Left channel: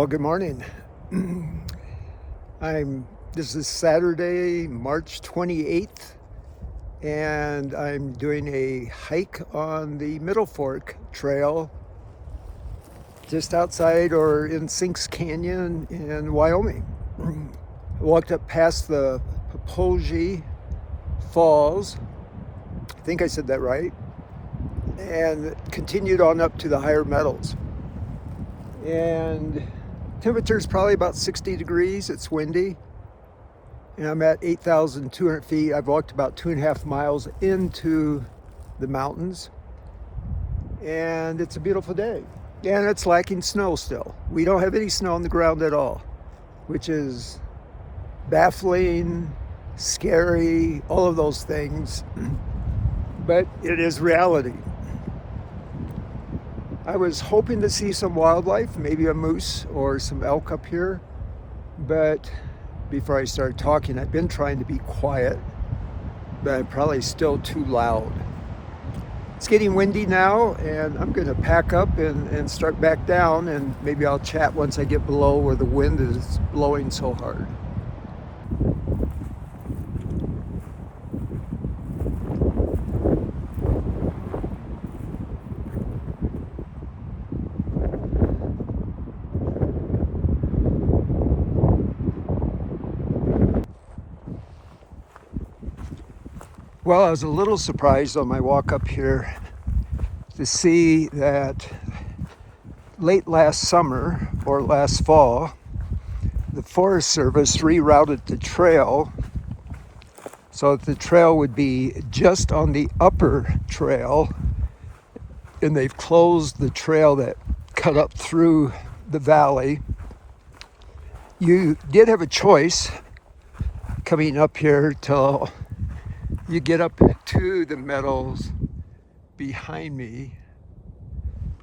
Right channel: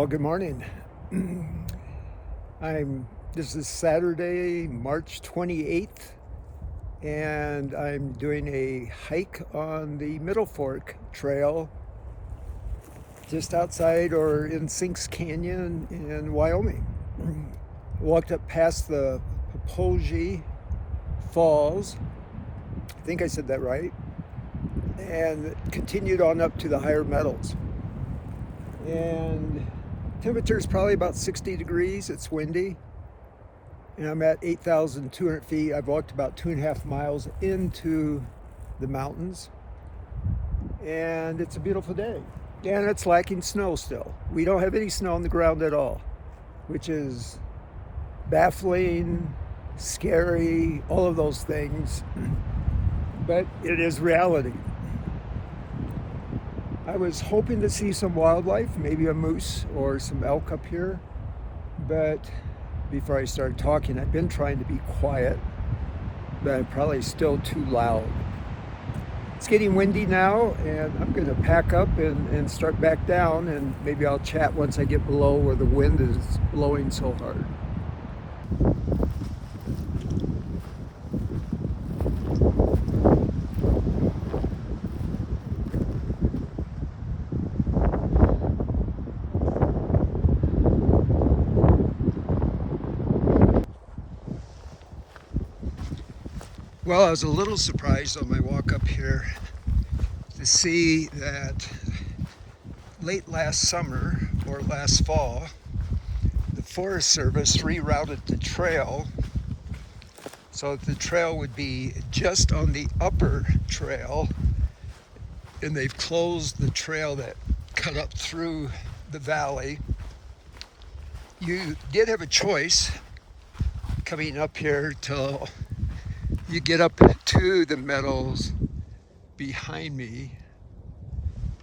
Well, good morning. This is Saturday, March 28th, and I'm doing a hike on the Middle Fork Trail just outside or in Sinks Canyon in Wyoming. I walked up past the Popoji Falls, I think I said that right, and continued on up to the higher meadows. And temperature is probably about 60 degrees. It's windy. And I'm at 8,200 feet. I've walked about 2.5 miles into the mountains. And it's a beautiful day. And it's lacking snow still. We don't have any snow on the ground at all, which is baffling, scary, all of those things. But it is reality. I was hoping to see some wildlife, maybe a moose or some elk up here, but before I started talking, I've been trying to be quiet, but I'm probably still too loud. It's getting windy now, and I'm going to pack up and start back down, and maybe I'll chat once I get below where the wind is blowing so hard. Well, I was a little surprised on my walk up here to see that late last summer or last fall, the Forest Service rerouted the trail so that the trail would be just on the upper trail, and they've closed the trail that cut up through the valley. You did have a choice coming up here till you get up to the meadows behind me.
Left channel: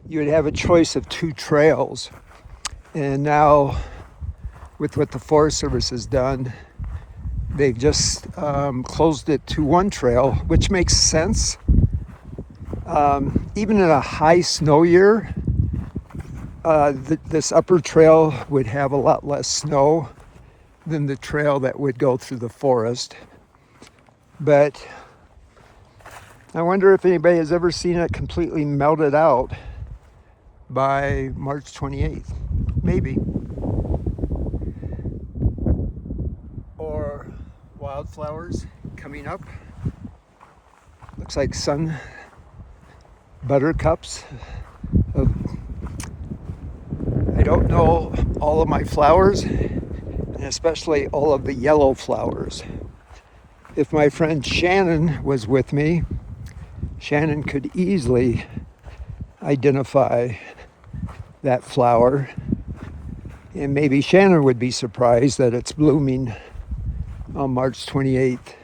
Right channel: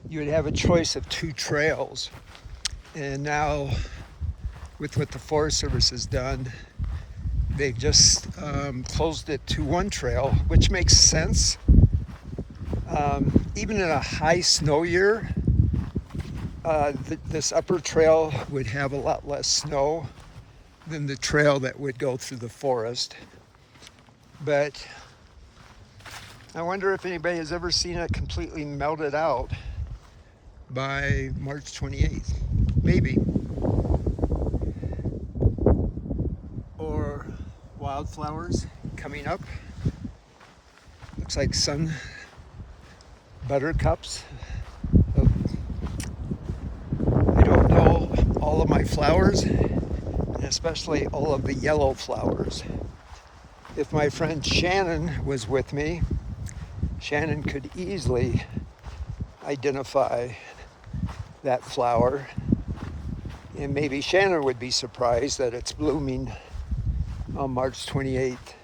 You would have a choice of two trails. And now, with what the Forest Service has done, they've just closed it to one trail, which makes sense. Even in a high snow year, this upper trail would have a lot less snow than the trail that would go through the forest. But I wonder if anybody has ever seen it completely melted out by March 28th. Maybe. Or wildflowers coming up. Looks like sun buttercups. I don't know all of my flowers, and especially all of the yellow flowers. If my friend Shannon was with me, Shannon could easily identify that flower, and maybe Shannon would be surprised that it's blooming on March 28th.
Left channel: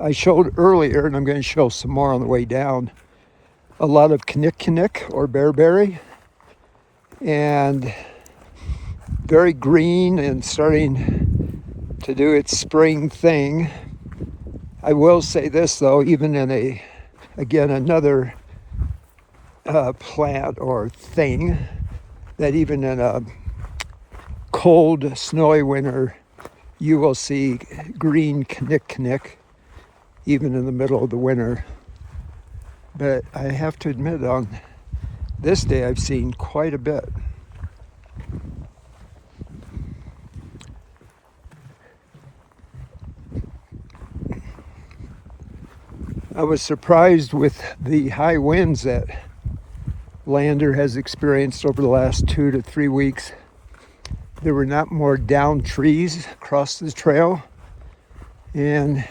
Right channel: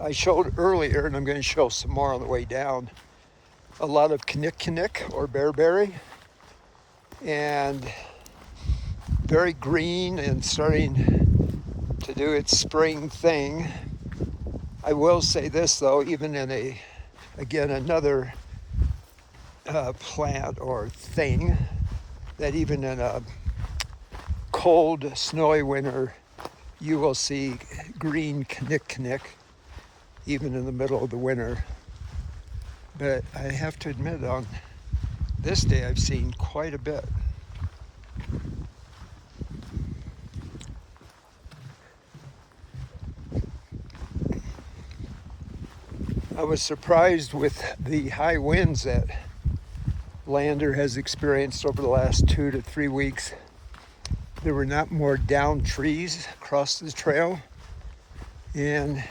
I showed earlier, and I'm going to show some more on the way down, a lot of kinnick or bearberry, and very green and starting to do its spring thing. I will say this though, even in another plant or thing, that even in a cold, snowy winter, you will see green kinnick even in the middle of the winter. But I have to admit, on this day, I've seen quite a bit. I was surprised with the high winds that Lander has experienced over the last 2 to 3 weeks. There were not more downed trees across the trail, and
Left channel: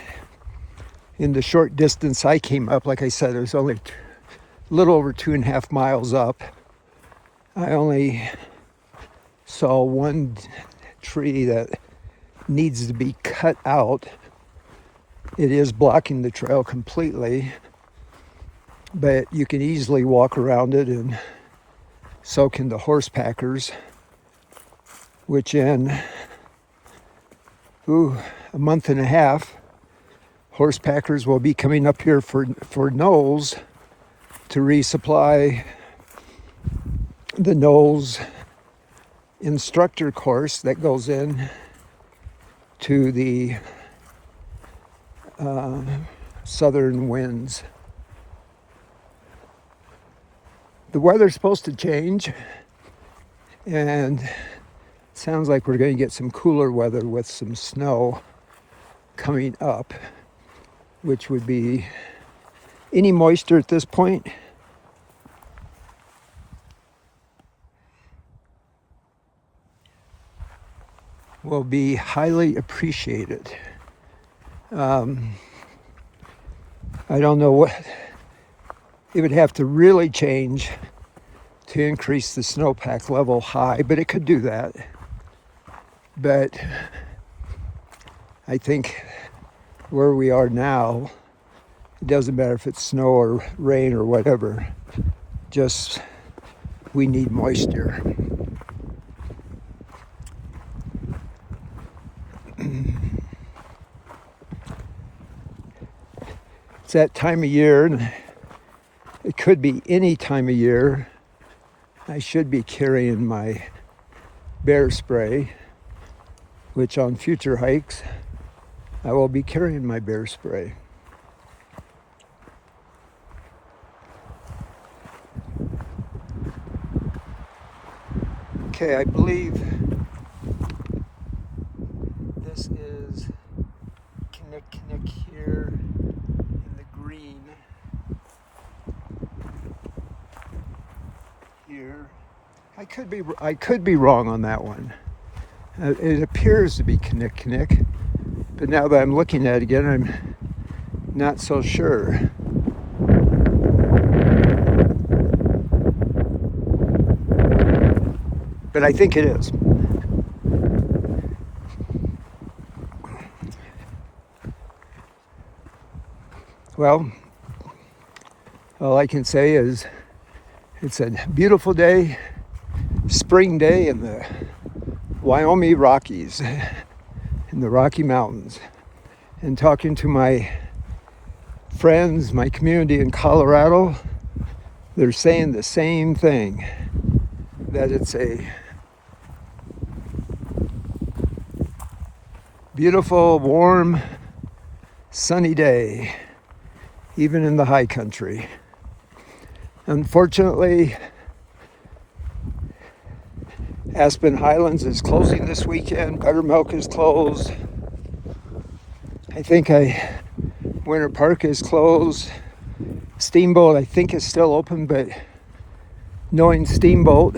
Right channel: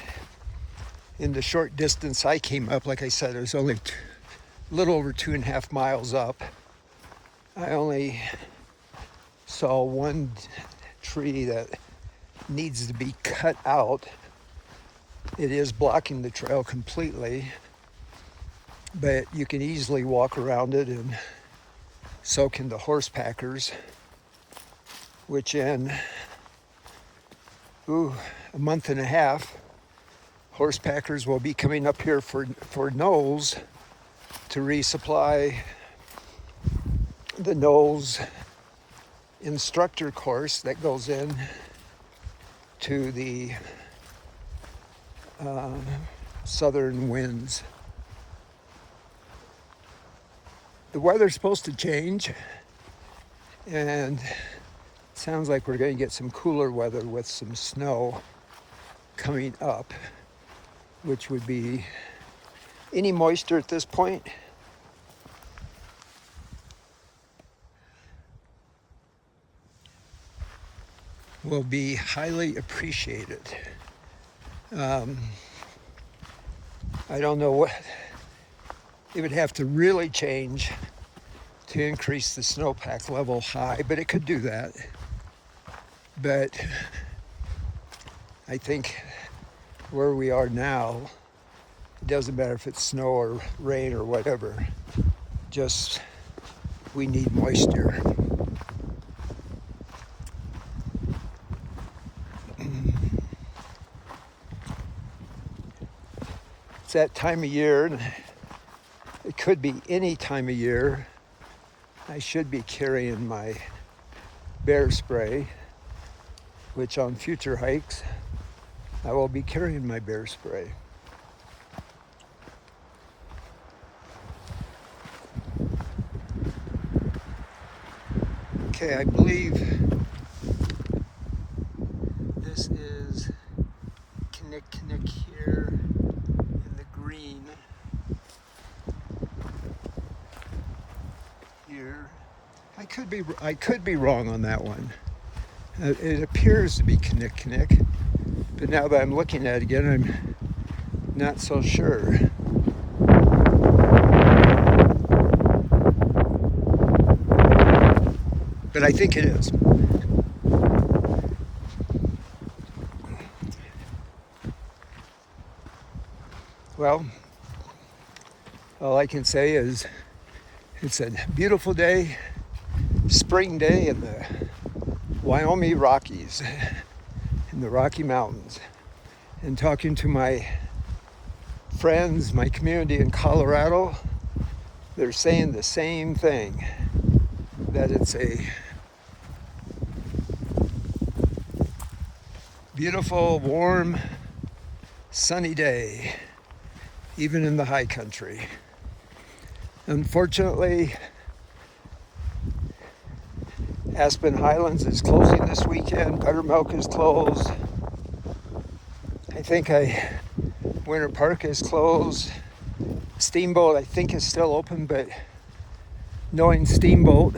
in the short distance I came up, like I said, it was only a little over 2.5 miles up. I only saw one tree that needs to be cut out. It is blocking the trail completely, but you can easily walk around it and soak in the horse packers, which in a month and a half, horse packers will be coming up here for Knowles to resupply the Knowles instructor course that goes in to the southern winds. The weather's supposed to change, and it sounds like we're going to get some cooler weather with some snow coming up, which would be any moisture at this point. Will be highly appreciated. I don't know what it would have to really change to increase the snowpack level high, but it could do that. But I think where we are now, it doesn't matter if it's snow or rain or whatever, just we need moisture. It's that time of year, and it could be any time of year. I should be carrying my bear spray, which on future hikes, I will be carrying my bear spray. Okay, I believe this is Kinnick here in the green here. I could be wrong on that one. It appears to be Kinnick, but now that I'm looking at it again, I'm not so sure. But I think it is. Well, all I can say is it's a beautiful day, spring day in the Wyoming Rockies, in the Rocky Mountains. And talking to my friends, my community in Colorado, they're saying the same thing, that it's a beautiful, warm, sunny day, even in the high country. Unfortunately, Aspen Highlands is closing this weekend. Buttermilk is closed. I think Winter Park is closed. Steamboat, I think, is still open, but knowing Steamboat,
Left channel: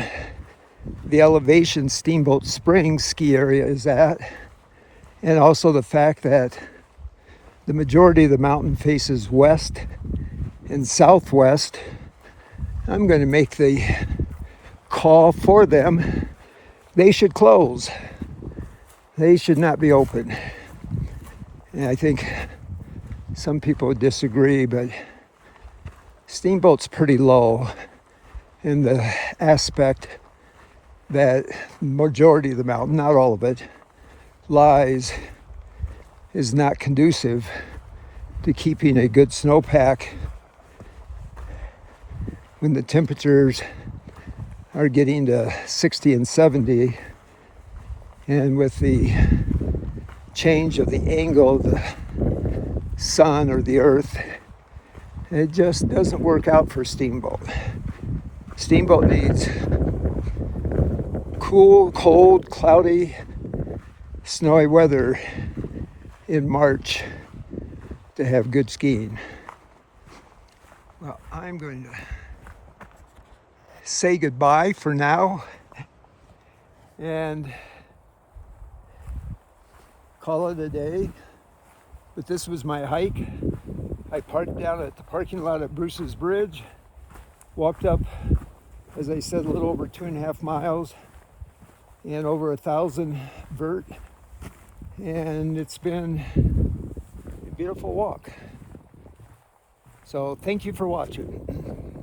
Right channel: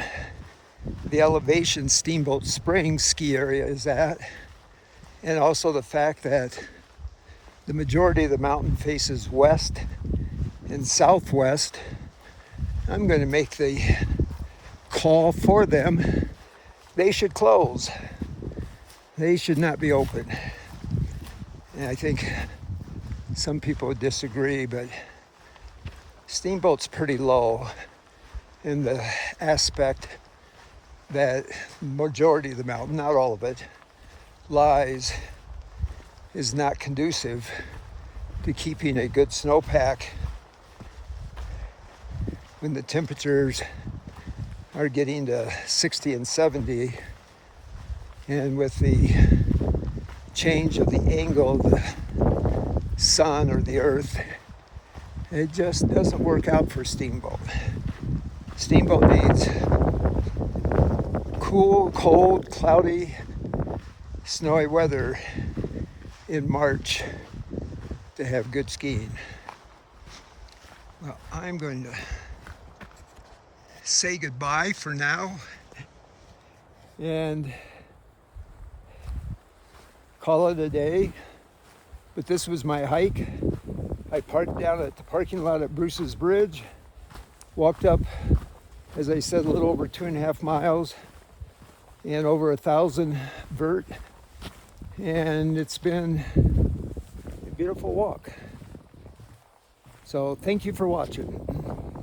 the elevation Steamboat Springs ski area is at, and also the fact that the majority of the mountain faces west and southwest, I'm going to make the call for them. They should close. They should not be open. And I think some people would disagree, but Steamboat's pretty low in the aspect that majority of the mountain, not all of it, is not conducive to keeping a good snowpack when the temperatures are getting to 60 and 70, and with the change of the angle of the sun or the earth, it just doesn't work out for Steamboat. Steamboat needs cool, cold, cloudy, snowy weather in March to have good skiing. Well, I'm going to say goodbye for now and call it a day. But this was my hike. I parked down at the parking lot at Bruce's Bridge, walked up, as I said, a little over 2.5 miles and over 1,000 vert, and it's been a beautiful walk. So thank you for watching.